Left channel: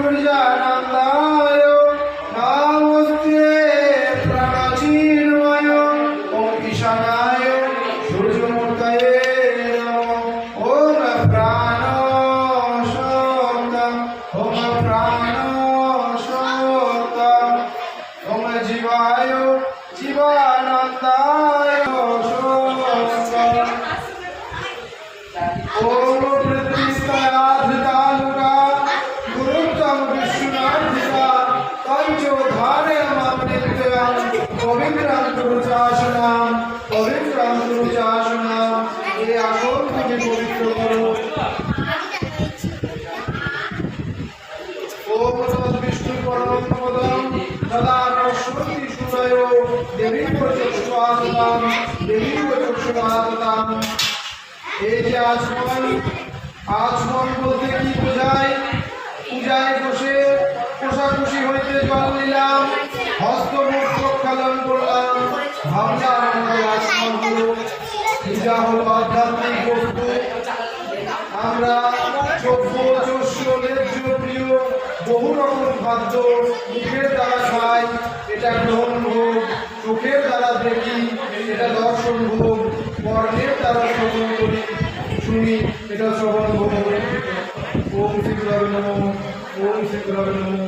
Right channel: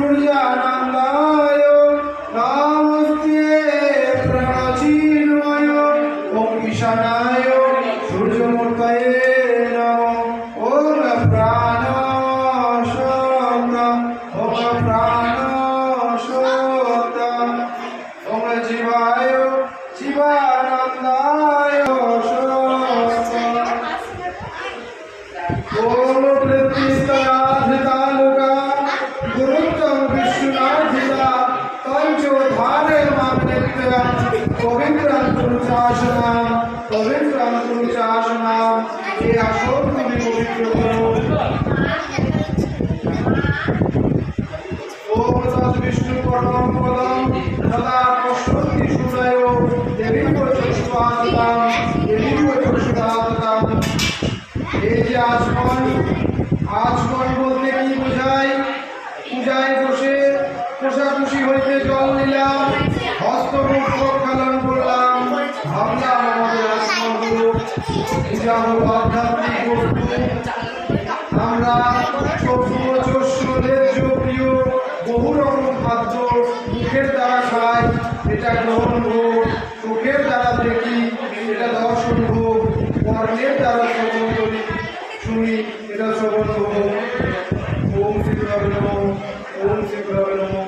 Hallelujah. परिशुद्धात्मतां देव परिशुद्धात्मतां এই যে আচমন আচমন বলতে কি বোঝায় পূজায় বসে কোষাকুষি হইতে জল নিলাম হস্তমুখ প্রক্ষালন করলাম ভাবলাম আমাদের আচমন হল পূজা হল আধ্যাত্মিক বস্তু আমরা চক্ষু চস্য প্রিয় বহু রকম খাদ্য মুখের দ্বারা খাই এটা গ্রহণ হোক চোখের দ্বারা দেখি, এটা দর্শন ভোগ কর্ণের দ্বারা শ্রবণ করি, শুনি, এটা শ্রবণ ভোগ ওম শ্রী নম, ওম শ্রী নম।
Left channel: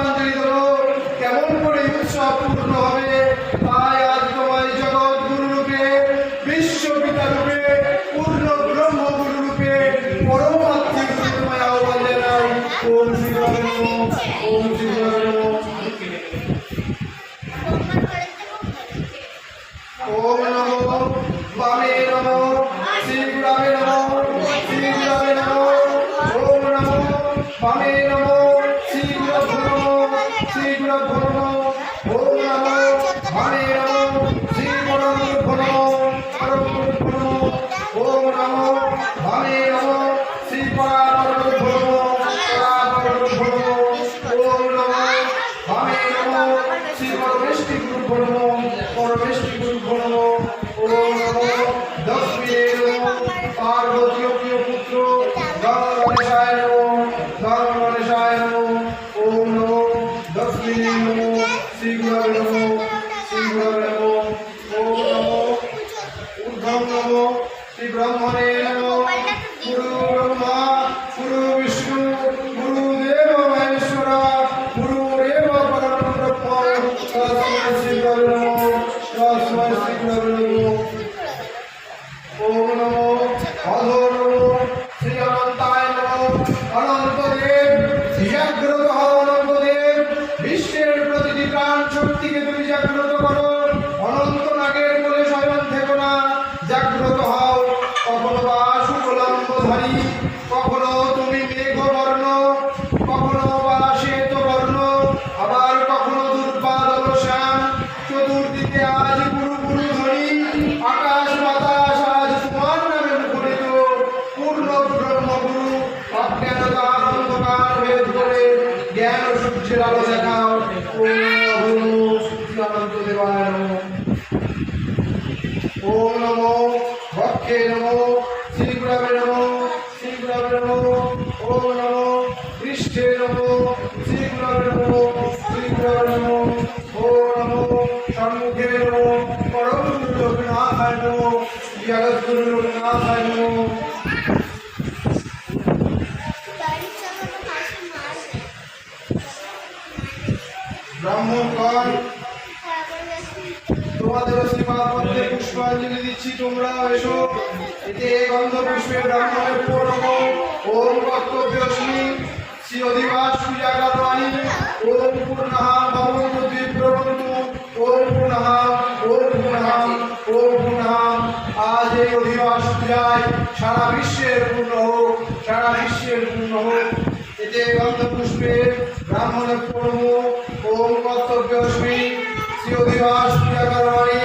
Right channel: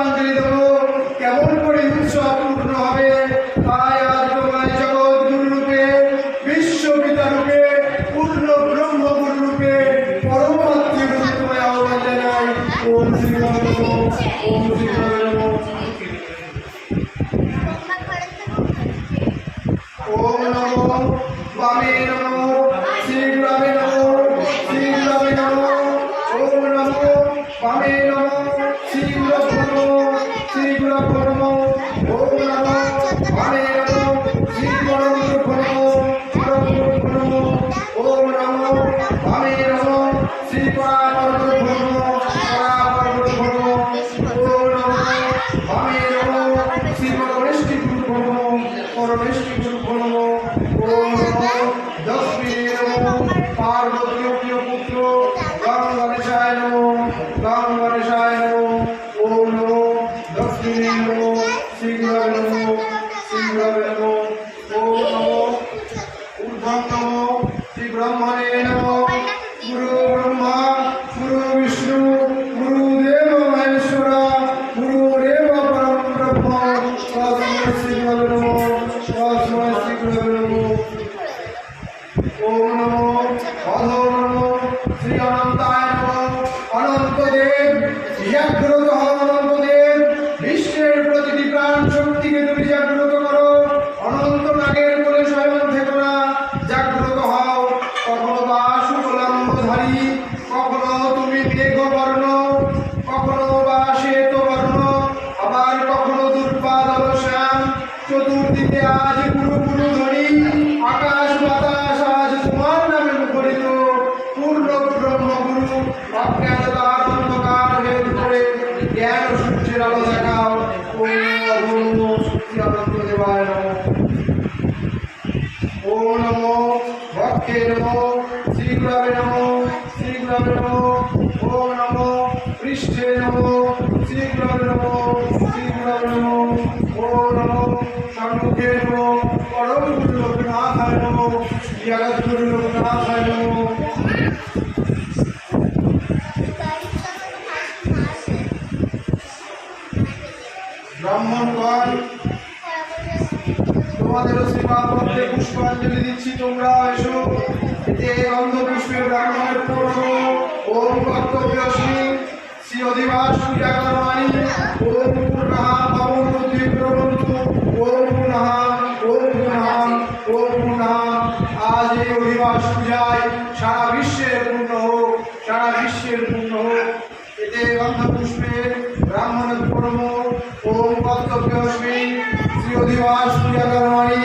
evangelizador পরমেশটি গুরু প্রণম পরমেশটি গুরু প্রণম পুরনো দশ পুত্র গঙ্গা ব্রাহ্মণগণ তোমাদের শ্রীমান পদ্মে পুষ্পাঞ্জলি দিচ্ছি তোমরা এসো। এতে গন্ধ পুষ্পে ব্রাহ্মণের পূর্ণ ওম কর্তব্যশ্রী শ্রী অধিবাস পূজা করবাণী ওম পূর্ণা ভবন্তু বিপ্রবন্তু ওম পুনঃ ওম পুনঃ ওম পুনঃ। আজ এই অধিবাস পূজায় সারা বিশ্বের পূর্ণ হোক, সারা বিশ্বের পূর্ণ হোক। এতে গন্ধ পুষ্পে ব্রাহ্মণের কর্ম ওম কর্তব্যশ্রী শ্রী অধিবাস করবাণী,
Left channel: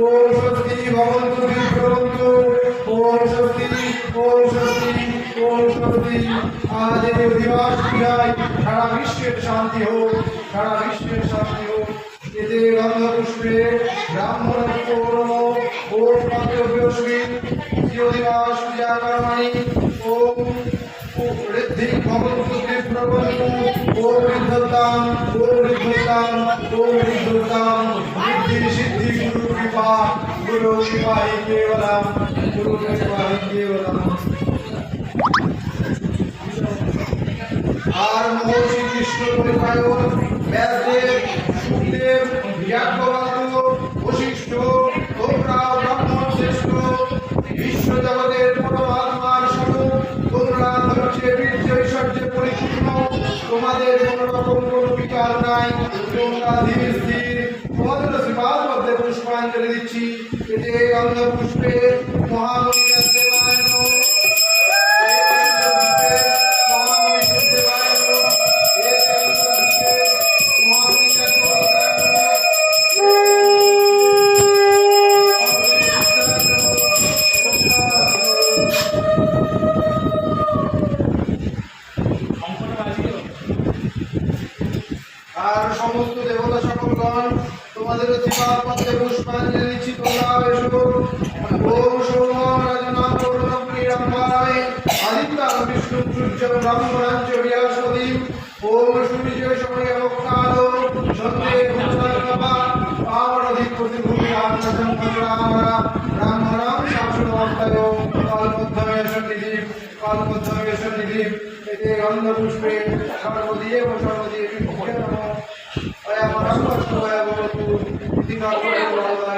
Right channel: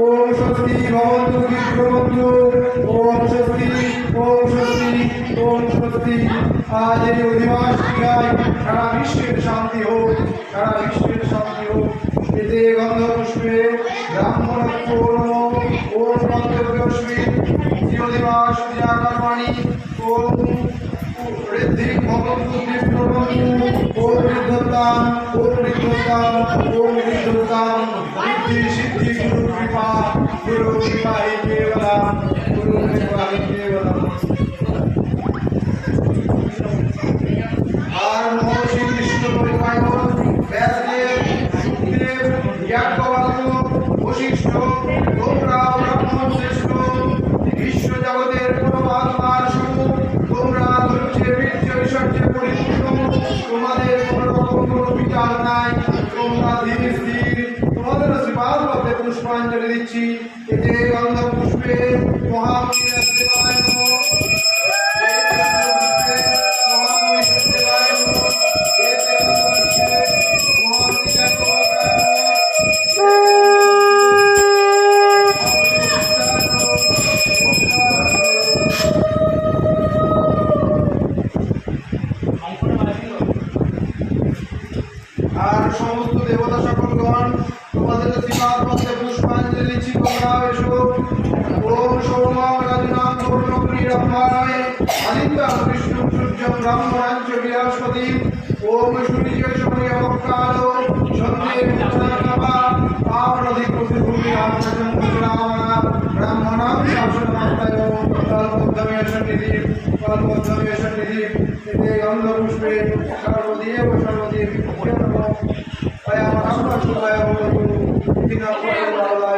ওম স্বস্তি ভবন্তু বিপ্রবন্ধু ওম স্বস্তি ওম স্বস্তি ওম স্বস্তি আজ এই অধিবাস ক্রিয়ায় সারা বিশ্বের শান্তি হোক, সারা বিশ্বের শান্তি হোক। এতে গন্ধ পুষ্পে ব্রাহ্মণের ঋদ্ধি ভবন্তু বিপ্রবন্তু ও বৃদ্ধতাম ও বৃদ্ধতাম ও বৃদ্ধতাম ঋদ্ধি সিদ্ধি গুরু কৃপা গুরু কৃপা হি আর বীর্য পরিপূর্ণ তোমাদের কোনো রকম নাই তোমরা ধীরে স্থির। তোমাদের শ্রীপাদ মধ্যে পুষ্পাঞ্জলি দিচ্ছি। এতে গন্ধ পুষ্পে মহামণি শুভায়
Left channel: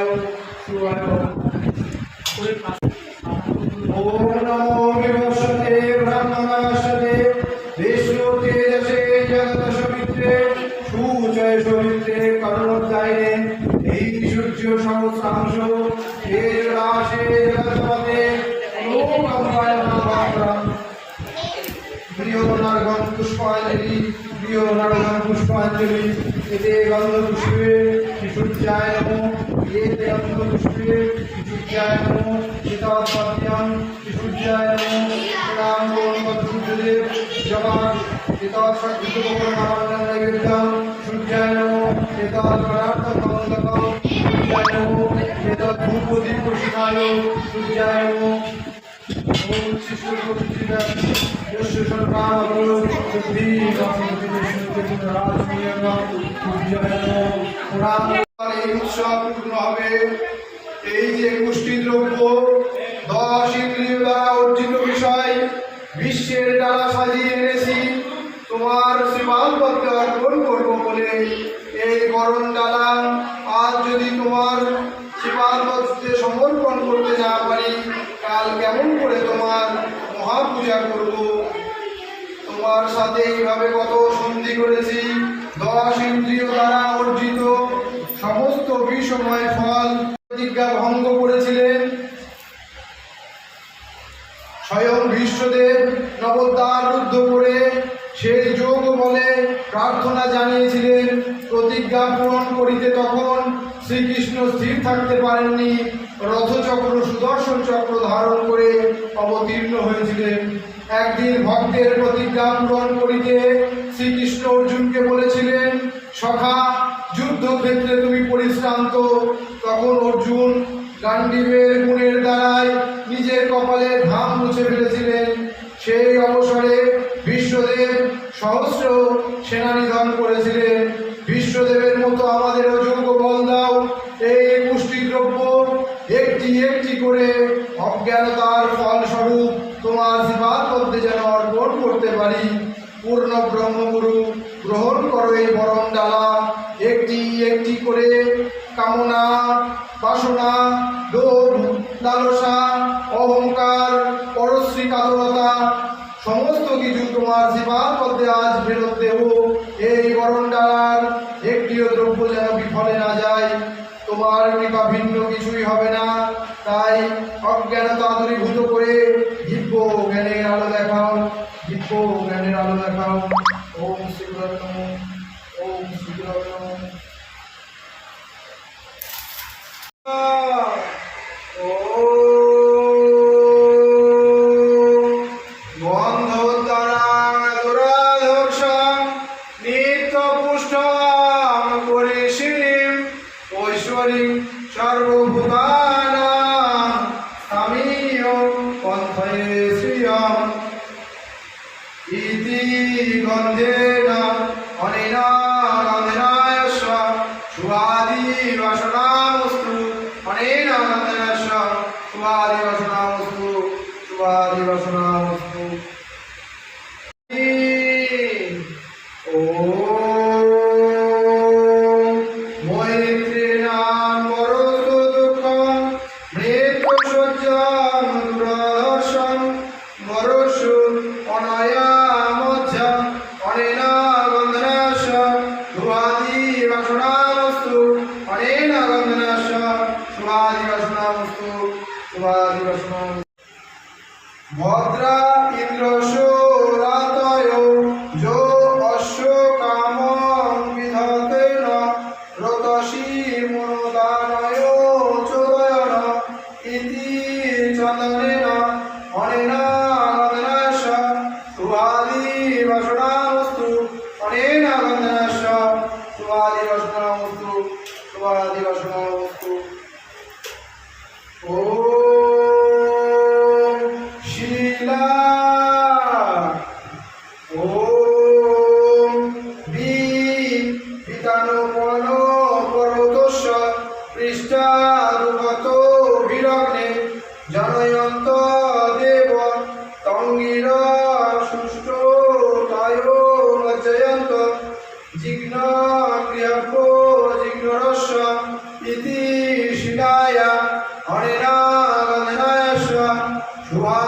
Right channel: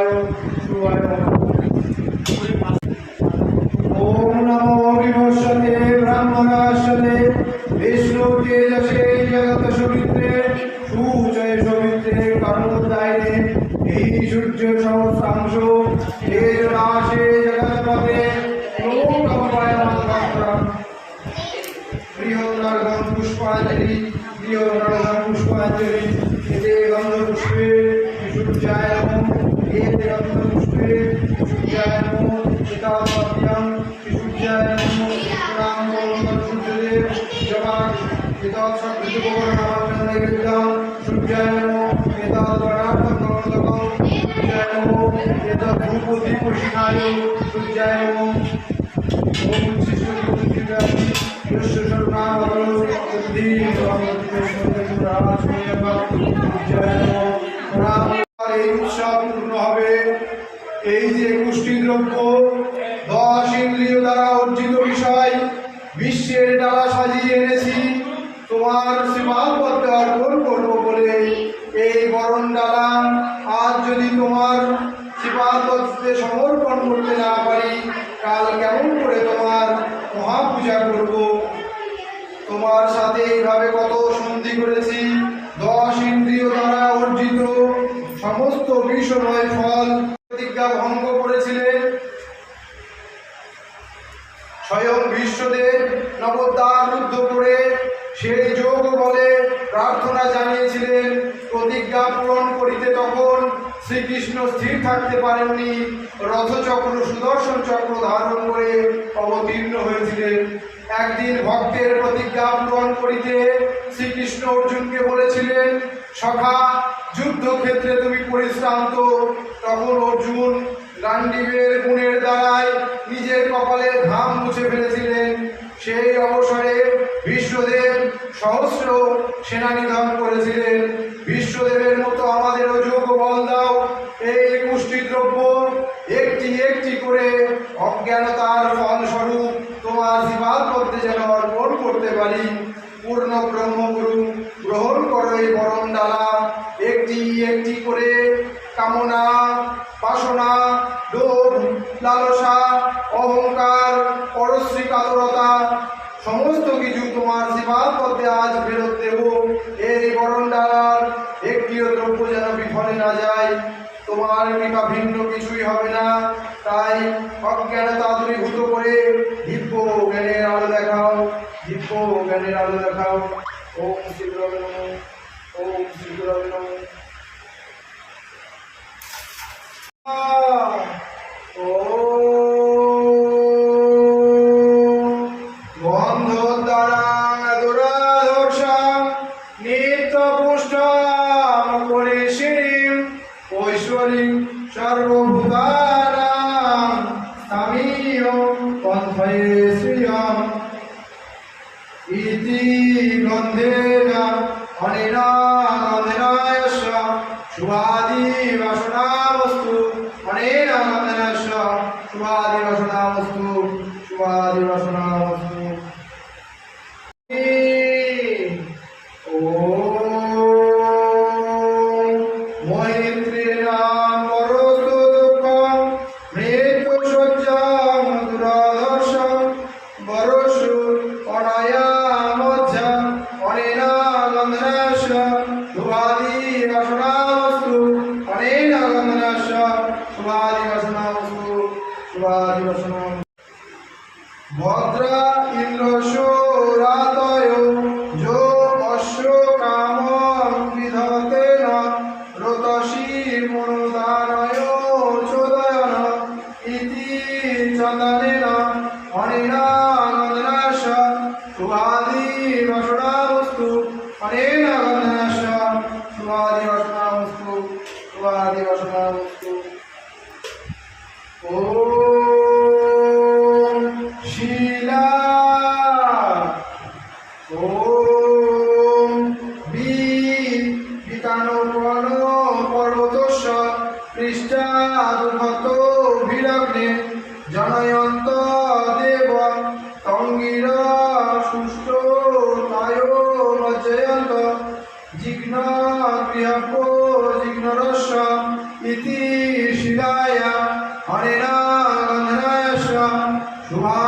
এতৎ ভূপতি পুষ্ণায় সূর্যায় নমো ওম উচ্ছিষ্ট প্রতিক্রিয়া যস্য এই উৎসব পূর্ণ হবে। এই যে একুশটি দ্রব্য, দশ ইন্দ্রিয় দ্বারা অর্জিত বিষয়, বিশ্বের দ্বারা সাজিয়ে এনেছি। তোমার শ্রীমান পথে অর্পণ করব বলে এই বরণ ডালা আজ যদি তোমার পথে সমর্পণ করতে না পারি, কাল কেমন করে তোমার মহাপূজা করব? তোমার সাথে এইভাবে কত সন্ধি করেছি, দশ ইন্দ্রিয় দ্বারা অর্জিত সমস্ত বিষময় ফল প্রতিজ্ঞা ভঙ্গ করেছিলেন স্বয়ং বিশ্বদেব নবদ্বার রুদ্ধ করে সেই যোগ বলে প্রার্থনা জানিয়েছিলেন, প্রতিজ্ঞা পূরণ শ্রীকৃষ্ণ স্থির থাকতে পারেননি। রথচক্র, সুদর্শন চক্র ধারণ করে অবতীর্ণ হয়েছিলেন। একদিন ভক্তের প্রতিজ্ঞা পূরণ করিতে শ্রীকৃষ্ণ অর্জুনকে বলেছিলেন, সখা, যুদ্ধক্ষেত্রে তুমি পরিশ্রান্ত। তখন অর্জুন গান্ডীবের গুণের দ্বারাই নিজের কপালে ঘাম মুছে ফেলেছিলেন। সেই অবসরে বিশ্বদেব সহস্র সেনা নিধন করেছিলেন। বিশ্বদেবের মতো আমাদেরও যোগ বল দাও। এই পুষ্টি দ্রব্য একটি একটি করে অজ্ঞানতার ফলস্বরূপ তোমার জীবাত মধ্যে যেন অর্পণ করতে পারি। পূর্ণ ব্রহ্মগুরু, গ্রহণ করো এই বরণ ডালা। একটি একটি করে কামনা, বাসনা, লোভ, লালসা, অহংকার, পরশ্রী কাতরতা, সমস্ত কিছু তোমার সেবার পথে আজ ফেরত দেব। তোমার নিকা ভিন্ন কিছুই হবে না। তাই অজ্ঞানতা দূরীভূত করে দিব্য জ্ঞানের আলো দেখাও দিব্য জ্ঞানের আলো দেখাও। ওম শ্রী নম, ওম শ্রী নম। ও 苍天。শুভাদি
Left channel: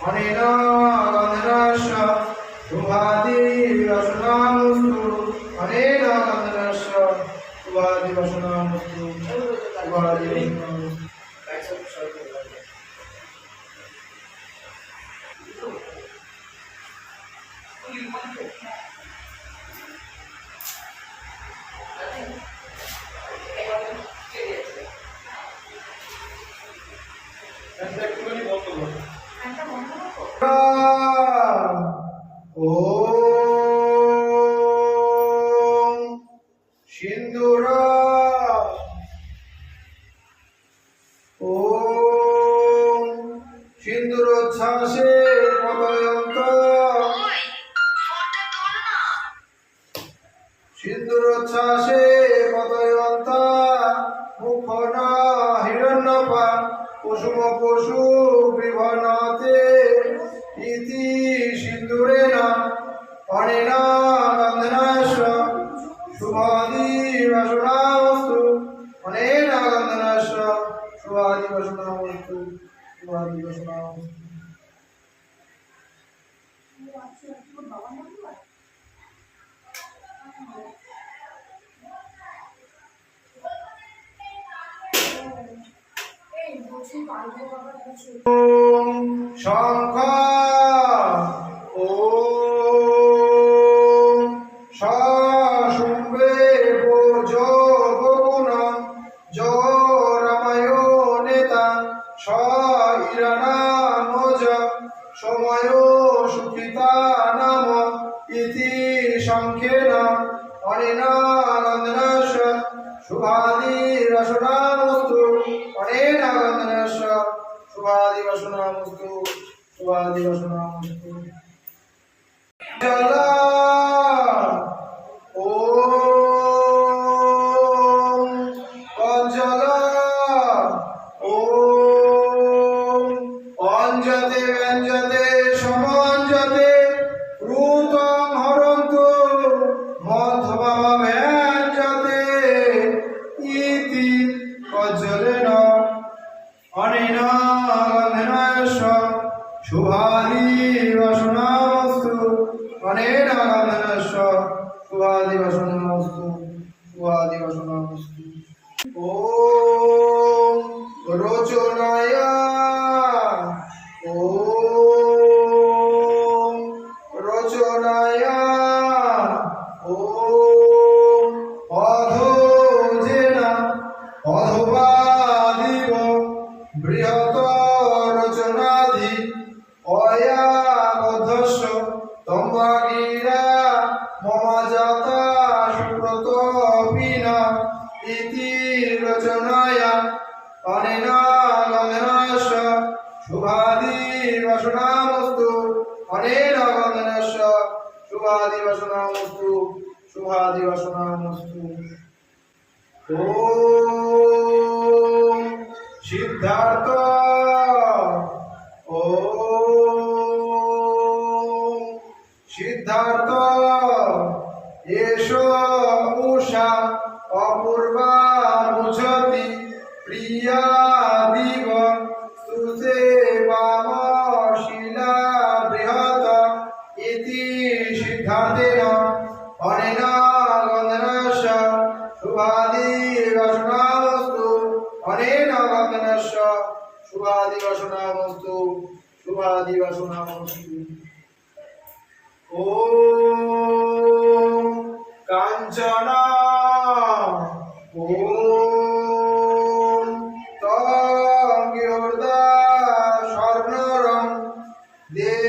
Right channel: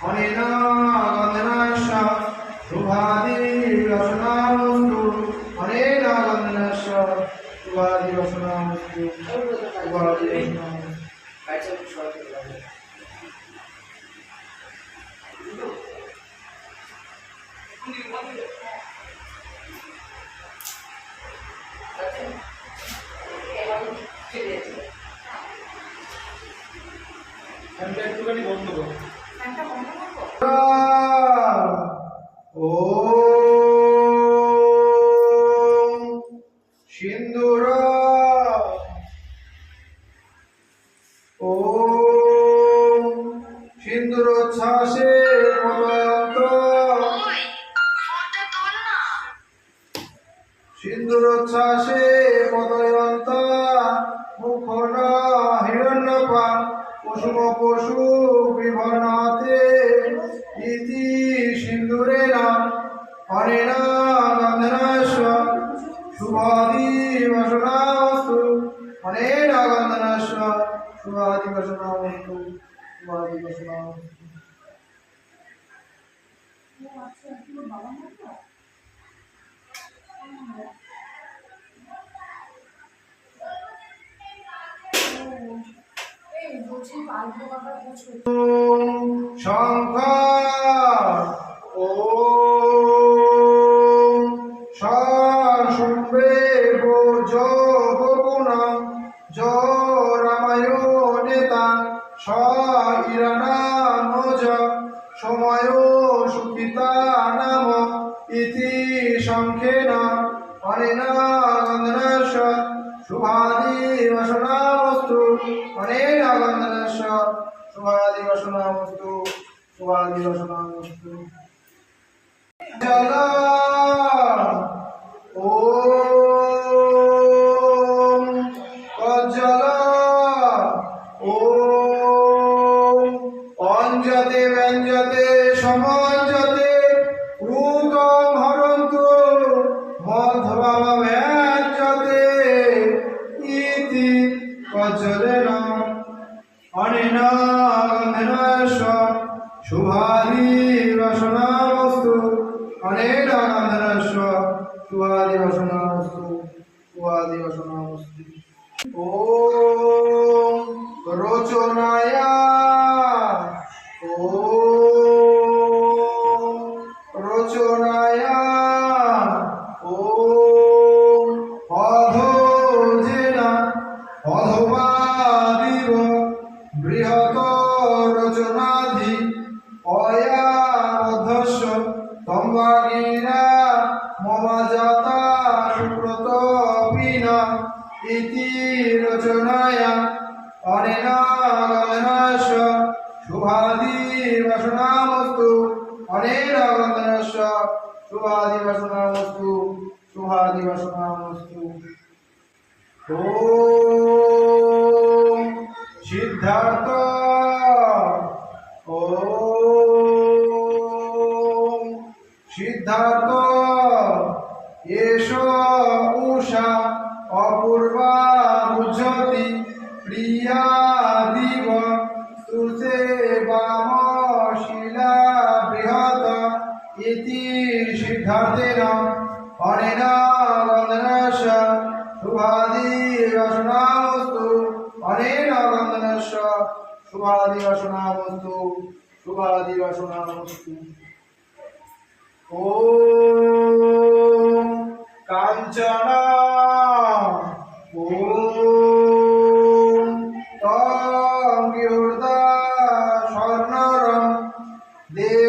What? ॐ सिन्दूरा ॐ सिन्दूरोच्छासे मलयन्त সিন্দুরোচ্ছ্বাসে পদয়ন্তা মুখন হিরণ্যপা কুসুম পশু বিভনাতে ইতি সিন্দুরে নাম অনেন গন্ধনাশ শুভাদি বাসনা বস্তু অনেন গন্ধনাশ শুভাদি বাসনা বস্তু শুভাদি শঙ্খ ও শুম্বে জ গোগুণ জ রামায় নেতা স ইরানাম জ সময় সুখিতা নাম ইতি সংখ্যেন অনিনা শুভানী শুভাদিবাসনামস্তু শুভাদিবাসনামস্তু জলা ওম সিদ্ধার্থ ওম সিদ্ধার্থ শোনামস্তি ও কাঞ্চনা ও তঙ্গিহর্দা স্বর্ণরম দেব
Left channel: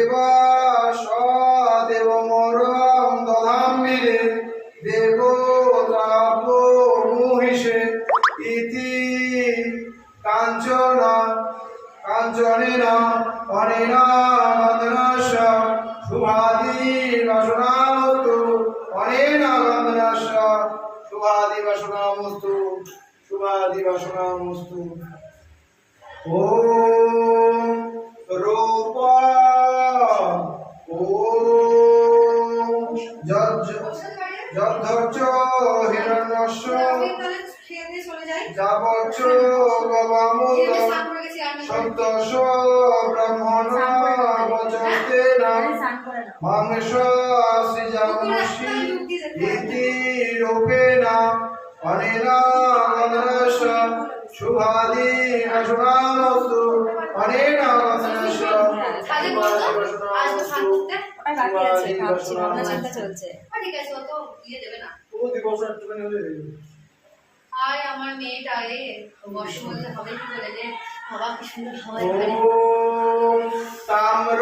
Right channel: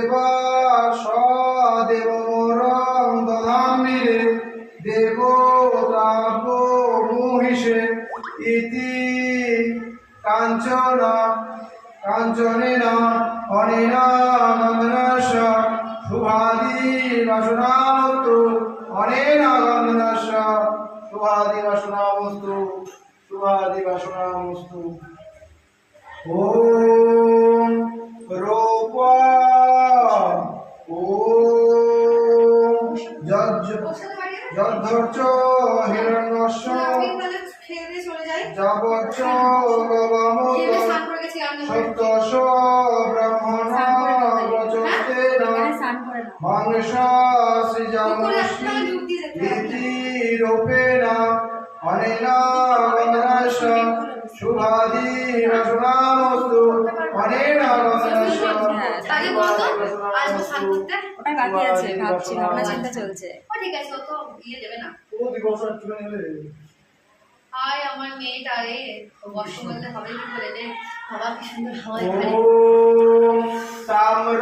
অনেনাশ ভাবনা চিন্তা চলছে আমার মেয়েটা রে বলতে হবে কি তাম্র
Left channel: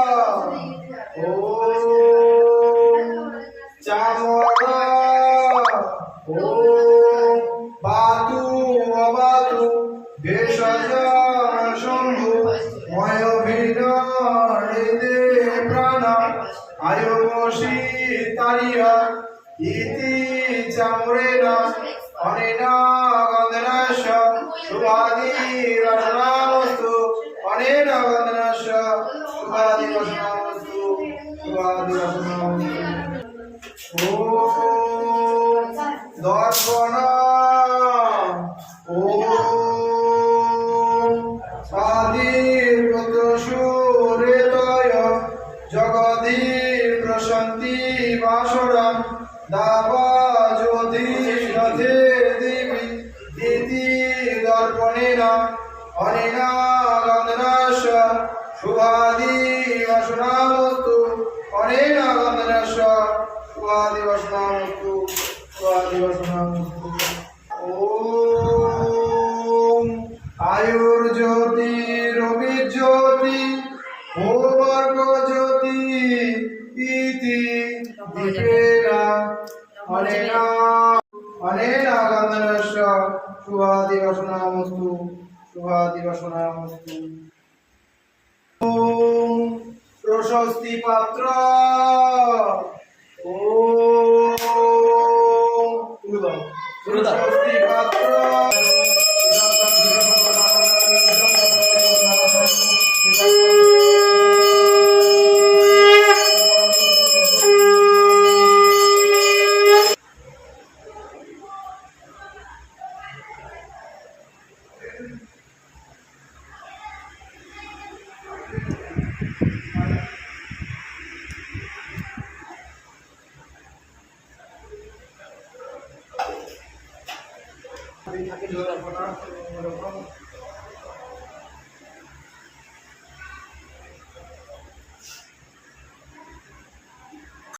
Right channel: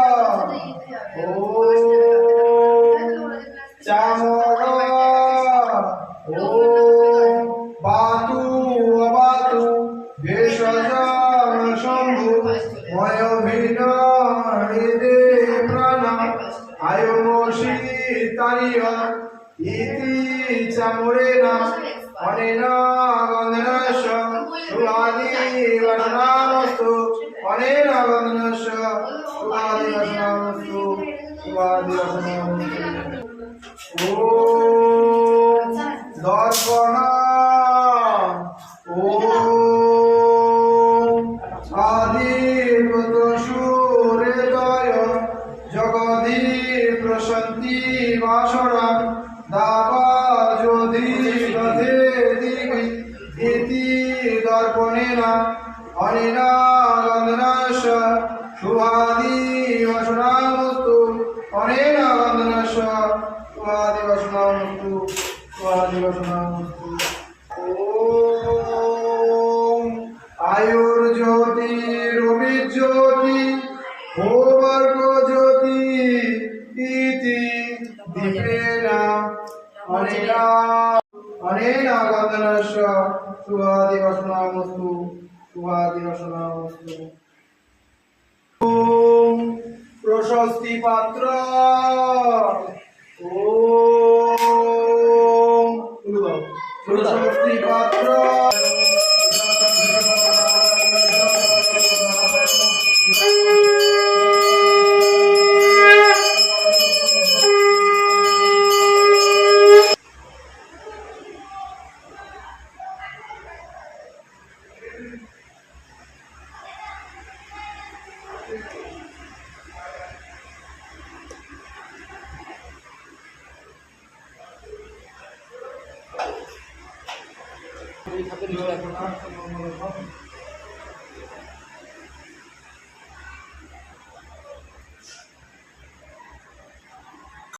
하거나 오. প্রশস্তি পাত্র। ও স্বস্তি পাত্র। Thank থাকে